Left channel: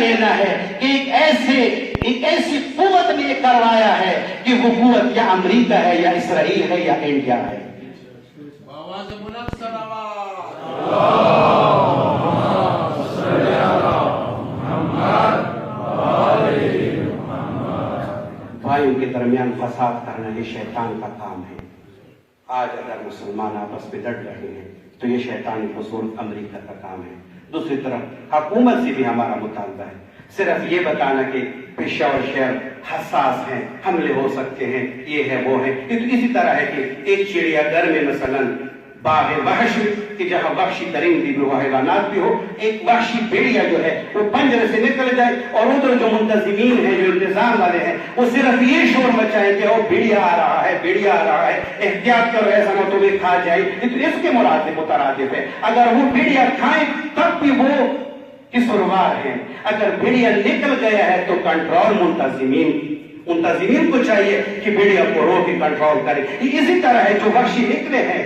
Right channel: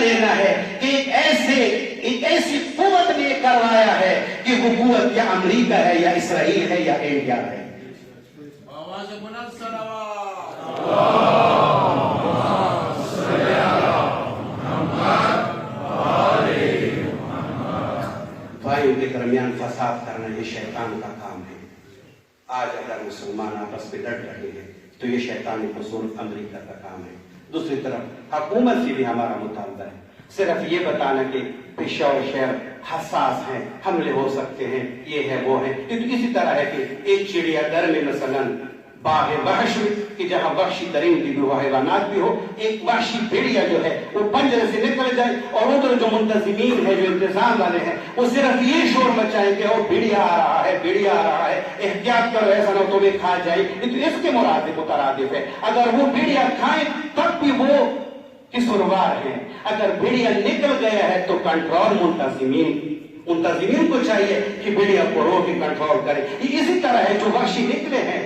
لینا ہے کہ ایک ایسی قوت نے کروایا ہے کہ وہ قوت یا امریکہ ہے یا اسرائیل ہے یا انڈیا ہے. آواز بلند صلوات. بھائیوں کے درمیان فساد کرنا یہ شیطان کا کام ہے. آج اگر مسلمان آپس میں ڈٹ رہے ہیں تو یہ شیطانی قصور امریکہ کا کام ہے. دوسری طرف حکومت سے بھی ہمارا مطالبہ ہے صرف یہ بتانا کہ پشاور شہر حساس ہیں، حملے ہو سکتے ہیں، یہ ہے وہ ہے. یہ تو اسی طرح ہے کہ ایک چڑیا گھر میں مثلا باغ وحش میں کہ جہاں وحشی ترین بھی ہو، حیوانات بھی ہو، ایک وحشی بھیڑیا جو ہے وہ پنجرے سے نکل جائے اور ادھر جو منتظمین ہیں، جو انتظام والے ہیں، وہ صرف یہ شور مچائیں کہ وہ بھیڑیا آ رہا ہے، بھیڑیا آ رہا ہے، احتیاط کرو ایسا نہ تو کھا جائے. اس کے مترادف ہے. اگر وہ بھیڑیا کھائیں تب بھی وہ قصوروار ہیں. اگر بھیڑیا نکل گیا ہے تو کنٹرول منتظمین کو چاہیے کہ بھیڑیا کو روک کے کنٹرول کرے. یہ اسی طرح ہے جو وحشی نکلے ہیں،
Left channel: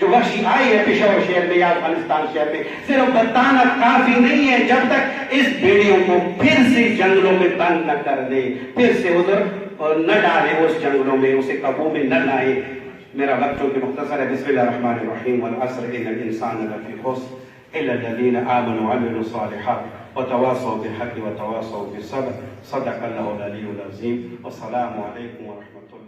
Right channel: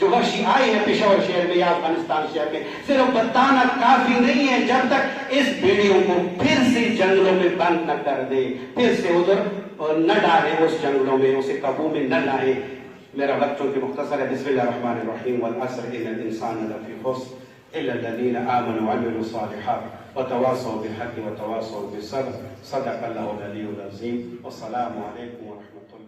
جو وحشی آئے ہیں پشاور شہر میں یا افغانستان شہر میں، صرف بتانا کافی نہیں ہے جب تک اس بھیڑیوں کو پھر سے جنگلوں میں بند نہ کر دے، پھر سے ادھر نہ ڈالے، اس جنگلوں میں اسے قابو میں نہ لائے. میرا وقت جو کہ مختصر ہے. بسم اللہ الرحمن الرحیم. والعصر ان الانسان لفی خسر الا الذین آمنوا وعملوا الصالحات وتواصوا بالحق وتواصوا بالصبر. صدق اللہ العلی العظیم. والسلام علیکم ورحمۃ اللہ.